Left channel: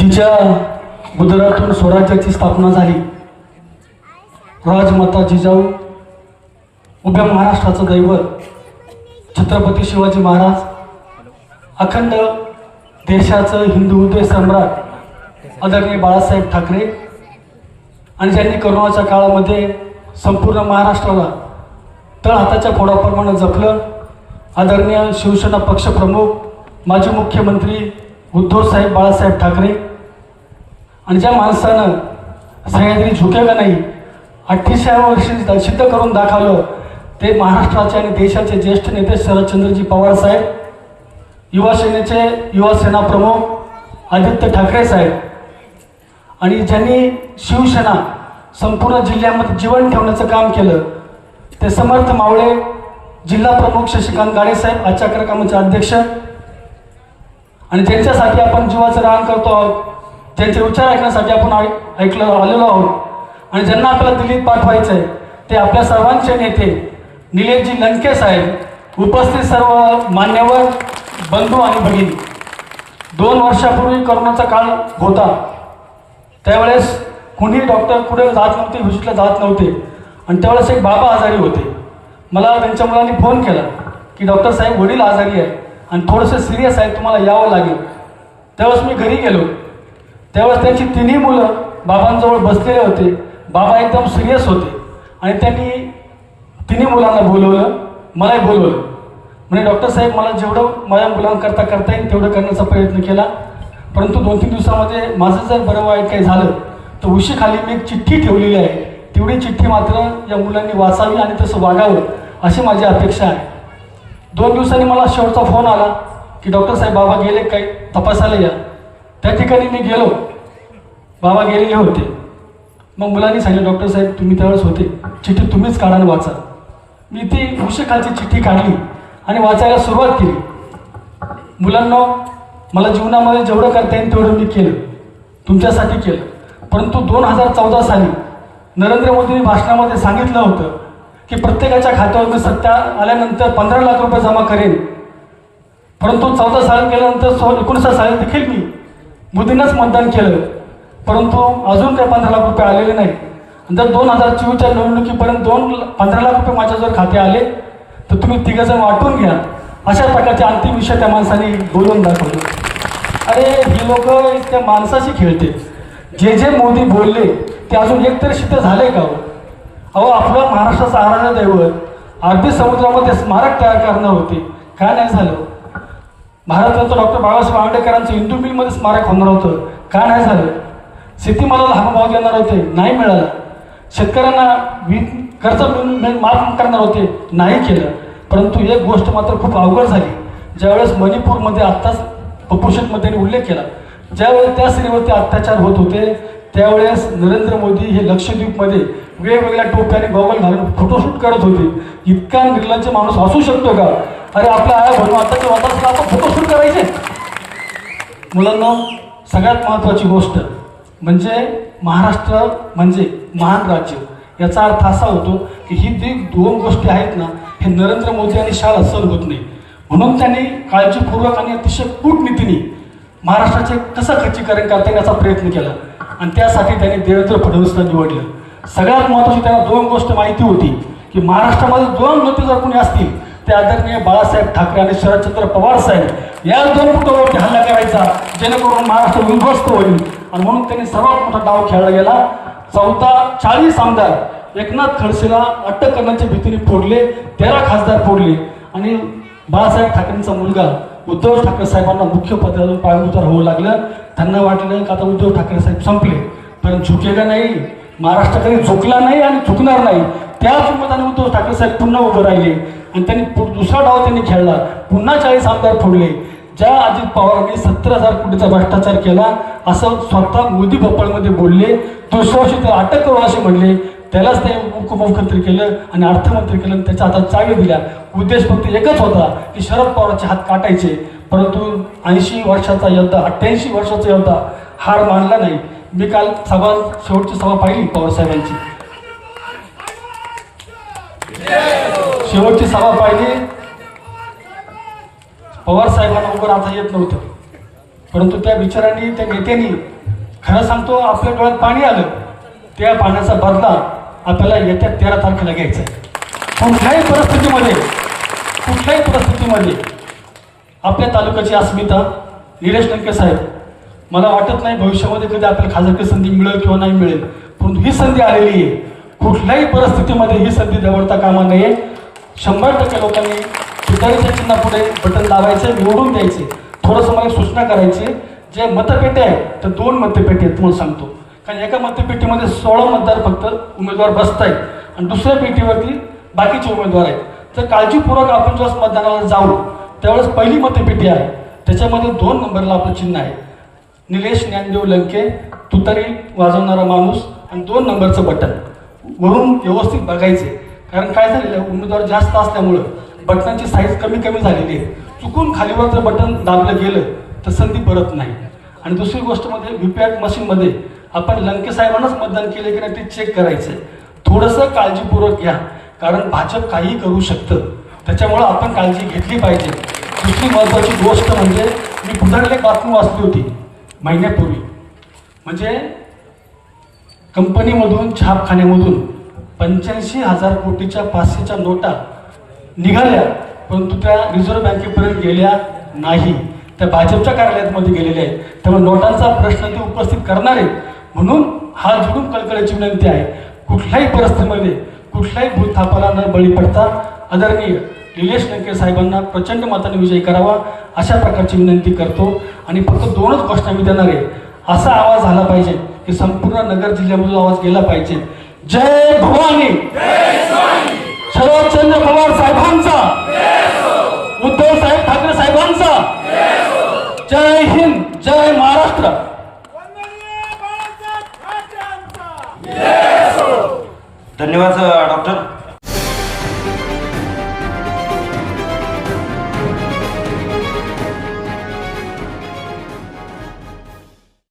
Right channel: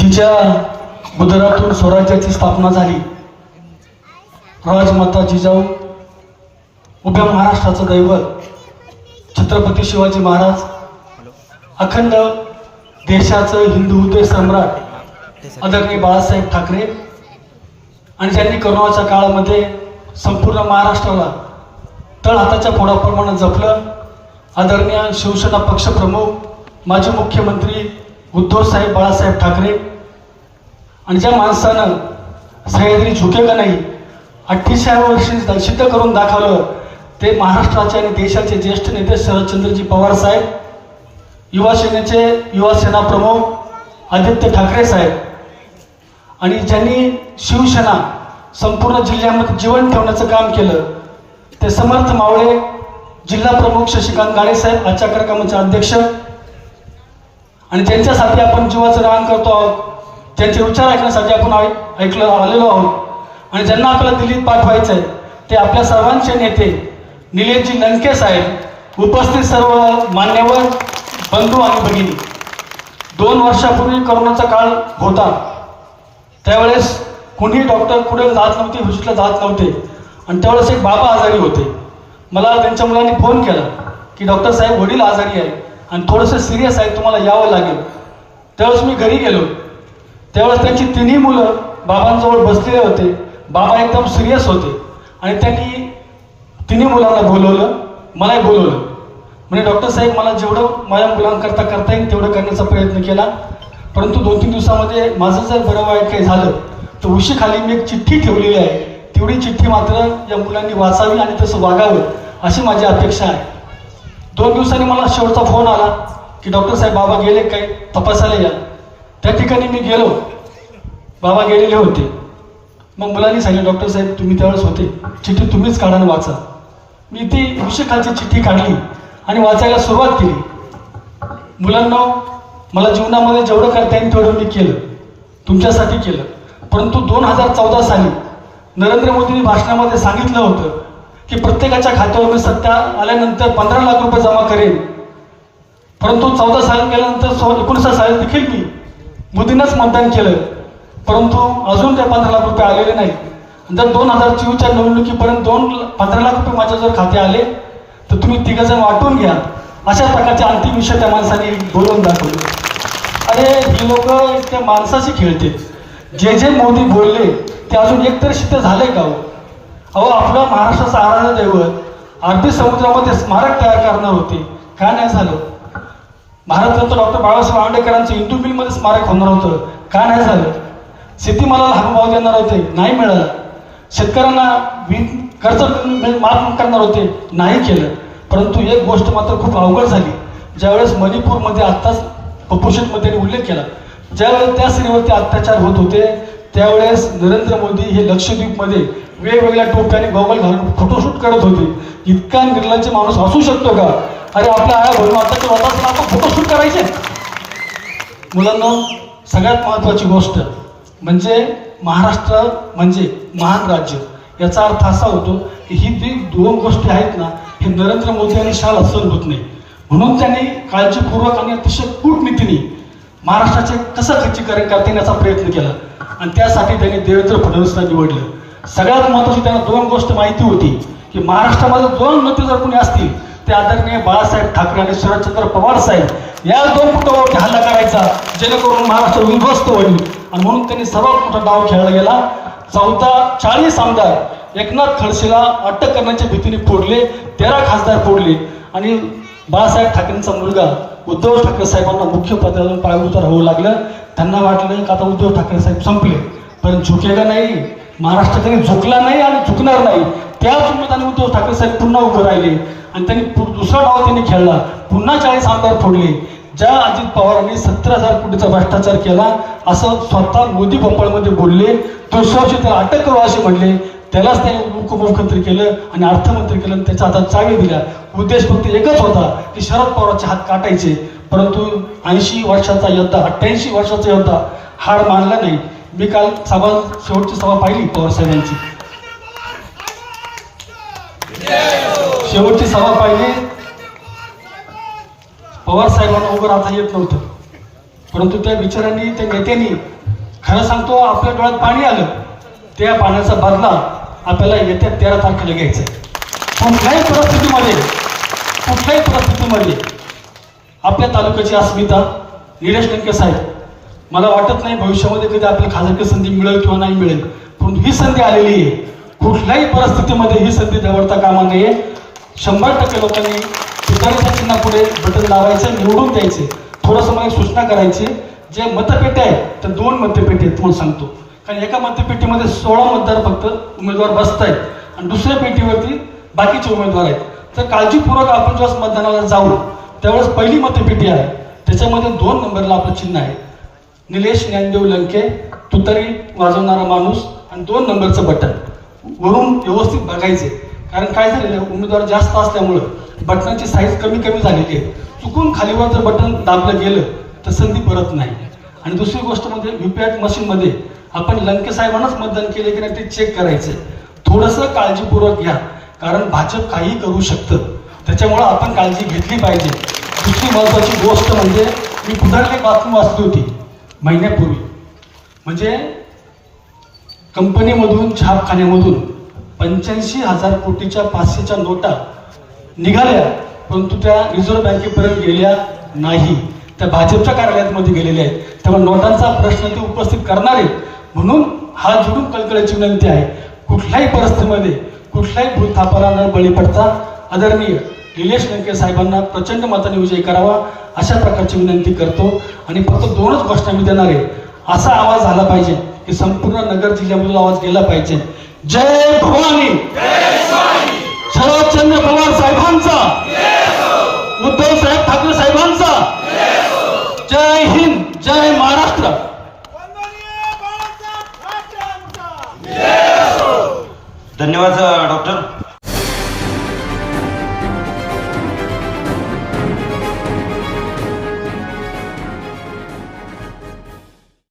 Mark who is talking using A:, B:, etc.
A: जिच्या गुजरातून स्वराज्याची स्थापना झाली राजमाता जिजाऊ उभ्या महाराष्ट्राचं दैवत छत्रपती शिवाजी महाराज अखंड देशाचं हिंदू हृदय सम्राट आदरणीय बाळासाहेब ठाकरे आणि ज्यांनी करोनाच्या काळामध्ये संपूर्ण महाराष्ट्राला तळ हाताच्या फोडाप्रमाणे जपलं आदरणीय शिवसेना पक्षप्रमुख माजी मुख्यमंत्री उद्धवसाहेब बाळासाहेब ठाकरे आणि ज्या माणसानं सह्याद्री झुकेगा नाही अठ्ठेचाळीस वर्षी सिद्ध करून दाखवलं ते महाराष्ट्राचे आणि देशाचे ज्येष्ठ नेते शरदचंद्रजी पवार साहेब युवा सेनेचे युवा सेना प्रमुख आदित्य ठाकरे साहेब. आणि ज्यांनी शिवसेना संपूर्ण जिल्ह्यामध्ये जीवन ठेवण्याचं काम केलं ते समर्थ मावळे जिल्हा प्रमुख शशिकांत गाडे साहेब आजच्या कार्यक्रमाचे अध्यक्ष. आणि ज्यांच्यासाठी आपण जीवाचं रान करतो आहोत त्यांचे विचार ऐकण्यासाठी आपण ऐ- ऐकलो आलेलो आहोत. आणि ज्यांना आपल्याला दिल्लीत पाठवायचं आहे ते आपल्या सर्वांचे नेते निलेशजी लंके साहेब उपस्थित सर्व मान्यवर बंधू आणि भगिनी. दोन वर्षापूर्वी करोनाचा काळ होता. त्यावेळेस कुणी डॉक्टर कुठे जात नव्हते व्हिजिटला जात नव्हते. आणि त्यावेळेस एक बाबा आजारी होते. मला त्यांच्या मुलांनी फोन केला की डॉक्टर साहेब वडील आजारी आहे आणि थोडंसं सिरियस आहे तुम्हाला यावं लागेल. त्यावेळेस मी घरी गेलो. त्यावेळेस त्यांची तिन्ही मुलं बाबांजवळ बसलेले होते. बाबा एकदम सिरियस होते. आणि त्यांनी तिन्ही मुलांना बोलवलं मलाही बोलवलं. म्हणजे डॉक्टर साहेब मला जेवढं माझ्या मुलांकरता करता येईल तेवढं करण्याचा प्रयत्न केला. परंतु दोन तीन दिवसामध्ये माझं जर बरं वाईट काही झालं तर उशीखाली मी एक चिठ्ठी ठेवलेली आहे. तेवढी चिठ्ठी मात्र या मुलांनी वाचावी आणि तसं वागावं अशी माझी अपेक्षा आहे. दोन दिवसांनी मला शेवटचा फोन आला की डॉक्टर साहेब बाबा गेले काही तपासायला या. त्या ठिकाणी मी गेलो. बाबा गेलेले होते. मग मुलांनी सांगितलं डॉक्टर साहेब तुम्ही त्यावेळेस होते. चिठ्ठी तुम्हीच काढा आणि वाचा. मी ती उशिखाची चिठ्ठी काढली आणि वाचायला सुरुवात केली. मुलांना मला जीवनामध्ये जेवढं करता येईल तेवढं मी केलं. तुमच्यासाठी केलं. परंतु दोन हजार चौदा साली नरेंद्र मोदींनी भाषणामध्ये सांगितलं होतं की प्रत्येकाच्या खात्यावर मी सत्ता आल्यानंतर पंधरा लाख रुपये जमा करेन. परंतु चौदा साल गेल्यानंतर एकोणीसा साली देखील मी मोदींनाच मतदान केलं. परंतु अजून काही पंधरा लाख रुपये आलेले नाही जर दोन हजार चोवीसच्या निवडणुकीपर्यंत दोन ला- पंधरा लाख रुपये माझ्या जर खाते आले तर तुम्ही तिघंजण वाटून घ्या. अशा प्रकारचे अंतिम विषय त्या माणसाने बोलून दाखवले. अरे ही लोक त्या माणसाशी खेळते. जे जे मोदी बोलले ते अजून एकतरी सिद्ध झाले का हो? अहो आपलं महाराष्ट्राचं आराध्य दैवत अरबी समुद्रामध्ये स्मारक तयार करणार होते. काय नाही झालं. महाराजांचं डॉक्टर बाबासाहेब आंबेडकरांचं इंदू मिलमध्ये स्मारक होणार होतं. का नाही झालं? शेतीमालाला हमी देणार होते. नाही मिळाला. शेतकऱ्यांना वीज कर्ज माफ करणार होते. नाही केलं. परंतु एक गोष्ट मात्र खूप अवघड झाली. ज्यावेळेस मणिपूरमध्ये आत्ताच कुपोषितमध्ये उल्लेख केला. ज्यावेळेस त्या स्त्रीवरती अत्याचार होत होते त्यावेळेस नरेंद्र मोदी हे लक्षद्वीपमध्ये वेगवेगळ्या टोप्याने गॉगल घालून फोटोशूट करत होते. इतका निर्लज्ज माणूस असू शकतो का? अरे आपल्या आया भाऊ आताच्या वदाला आपण फोटोशूट करायचे. मुलांना सगळ्यात महत्त्वाची गोष्ट म्हणजे महाराष्ट्र म्हणजे महान राज्य. याचा अर्थ असा होतो की ही जी दोन गोष्टी आहेत ना हे नरेंद्र मोदी आणि शाह सर होत नाही. म्हणून त्यांनी काळजीपूर्वक आणि अतिशय कूटनीतीने महाराष्ट्राचे कसं खच्चीकरण करता येईल याचा प्रयत्न केला. आणि त्यासाठी त्यांनी देवेंद्र फडणवीसला निवडलं. सगळ्यात महत्त्वाची त्यांना दोन गोष्ट माहिती होती की महाराष्ट्रामध्ये दोन नेते जर कोणी असतील ते आदरणीय बाळासाहेब ठाकरे आणि शरदचंद्र पवार साहेब. या दोन पुटावरती हल्ला करायचा जेणेकरून महाराष्ट्र उद्ध्वस्त होईल. आणि म्हणून त्यांनी सर्वात मोठा डाव खेळला गेला. चौदा चाळीस आमदार एकनाथ खडसेला अटक करण्याच्या भीतीने फोडले तेरा खासदार फोडले. आणि बाळासाहेब ठाकरेंचा मुलगा उद्धव ठाकरे साहेबांना मुख्य पदावरून पायभूत राहू लागलं. त्यांना वाटलं की आता उद्धव ठाकरे साहेब संपले. पण झुकेला नाही महाराष्ट्र कधी झुकला नाही आणि झुकणार नाही. त्याच मताने उद्धव ठाकरे साहेब पुन्हा उभे राहिले. आणि त्यांनी दुसरा डाव त्यांनी खेळला. पुन्हा चाळीस आमदार फोडले. ज्या अजित पवारांनी सत्तर हजार कोटीचा भ्रष्टाचार केला असं स्वतः मोदी भोपाळमध्ये बोलले. दुसऱ्या ते अटक करू असे म्हणले. त्यालाच ते उपमुख्यमंत्री केलं आणि अर्थमंत्री केलं आणि त्याच्या हातात चावी दिल्या. उद्देश फक्त एकच होता की शरद पवारांचे हात काटायचे. परंतु ऐंशी वर्षाचा योद्धा अठ्ठ्याऐंशी वर्षाचा योद्धा हार मानला नाही. मी काल सभा शेवटची सभा पाहिली पवार साहेबांची शेवटची सभा पाहिली. पवार साहेबांना उभं राहता येत नव्हतं. परंतु त्या विचारांनी त्या नेत्यांनी खरं सांगतो आपल्या डोळ्यात पाणी आलं. त्या पाण्याचा बदला आपल्याला येत्या तेरा तारखेला घ्यायचा आहे. कुठल्याही परिस्थितीमध्ये कुठल्याही परिस्थितीमध्ये आपल्या तालुक्याची अस्मिता निलेश लंके साहेब मला वाटत नाही भविष्यामध्ये कधी आपल्याला खाजगी संधी मिळेल किंवा नाही मिळेल. पण ही संधी आलेली आहे. कुठल्याही परिस्थितीमध्ये ही संधी दगडता कामा नये. शंभर टक्के लोकांनी तुतारीच्या चिन्हापुढे बटन लावायचं निवडून द्यायचे. थोडंसं मला सूचना करायची जे मतपेट्या आहेत तर दोन मतपेटी आहेत तुम्हाला सांगतो. कारण एका मतपेटीमध्ये सोळा मतदार फक्त उमेदवार बसत आहेत आणि दुसऱ्या पेटीवरती बाकीचे उमेदवार आहेत. तर काळजीपूर्वक आपण जेव्हा मतदानाला जाऊ त्यावेळेस पहिली मतपेटी आहे. त्याच्यामध्ये दोन नंबरला आपलं चिन्ह आहे. निलेश ज्ञानदेव लंके तुतारी वाजवणारा माणूस आणि दोन नंबरचं बटन. वरून व्यवस्थित बघायचे कारण काय झालेलं आहे, उमेदवार जास्त असल्यामुळं बटनाची साईज कमी कमी झालेली आहे. चुकून खालीवर जर बटन दाबलं गेलं तर संधी परत नाही. आणि दुसरी गोष्ट म्हणजे व्हीपॅट मशीनमध्ये आपण लंके साहेबांनाच मतदान केले की नाही ते चेक करायचं थोडंसं काळजीपूर्वक घ्या कारण भाजप काही करू शकतं. त्याच्यामुळं आपण काळजी घेतली पाहिजे. दुसरी महत्त्वाची गोष्ट म्हणजे मी पुढे एक बातमी वाचली होती महिन्यापूर्वी. म्हणजे कंपनीमधून छापखान्यामधून पंच्याऐंशी हजार कोटीच्या पाचशेच्या नोटा निघाल्या परंतु त्या रिझर्व्ह बँकेपर्यंत गेल्या नाही. त्या भाजपच्या कार्यालयामध्ये गेलेल्या आहेत. त्यामुळे नोटांचा प्रश्न ते उपस्थित करणार आहेत म्हणून हा जुलूम कळकळीची विनंती आहे. कुठल्याही परिस्थितीमध्ये कुठल्याही भूतथापाला बळी पडता आदरणीय निलेश लंके साहेबांना प्रचंड मताने विजय करावा अशा प्रकारची विनंती करतो. आणि फक्त दोनच गोष्ट मी देणार आहे. असा आवाज झाला पाहिजे की संपूर्ण नगर जिल्ह्यामधून आवाज गेला पाहिजे. जय भवानी. शरदचंद्र पवार साहेबांचा. उद्धव साहेब ठाकरे साहेबांचा. जय हिंद जय महाराष्ट्र.
B: वंदनीय बाळासाहेब ठाकरे आमचा
C: धन्यवाद डॉक्टर.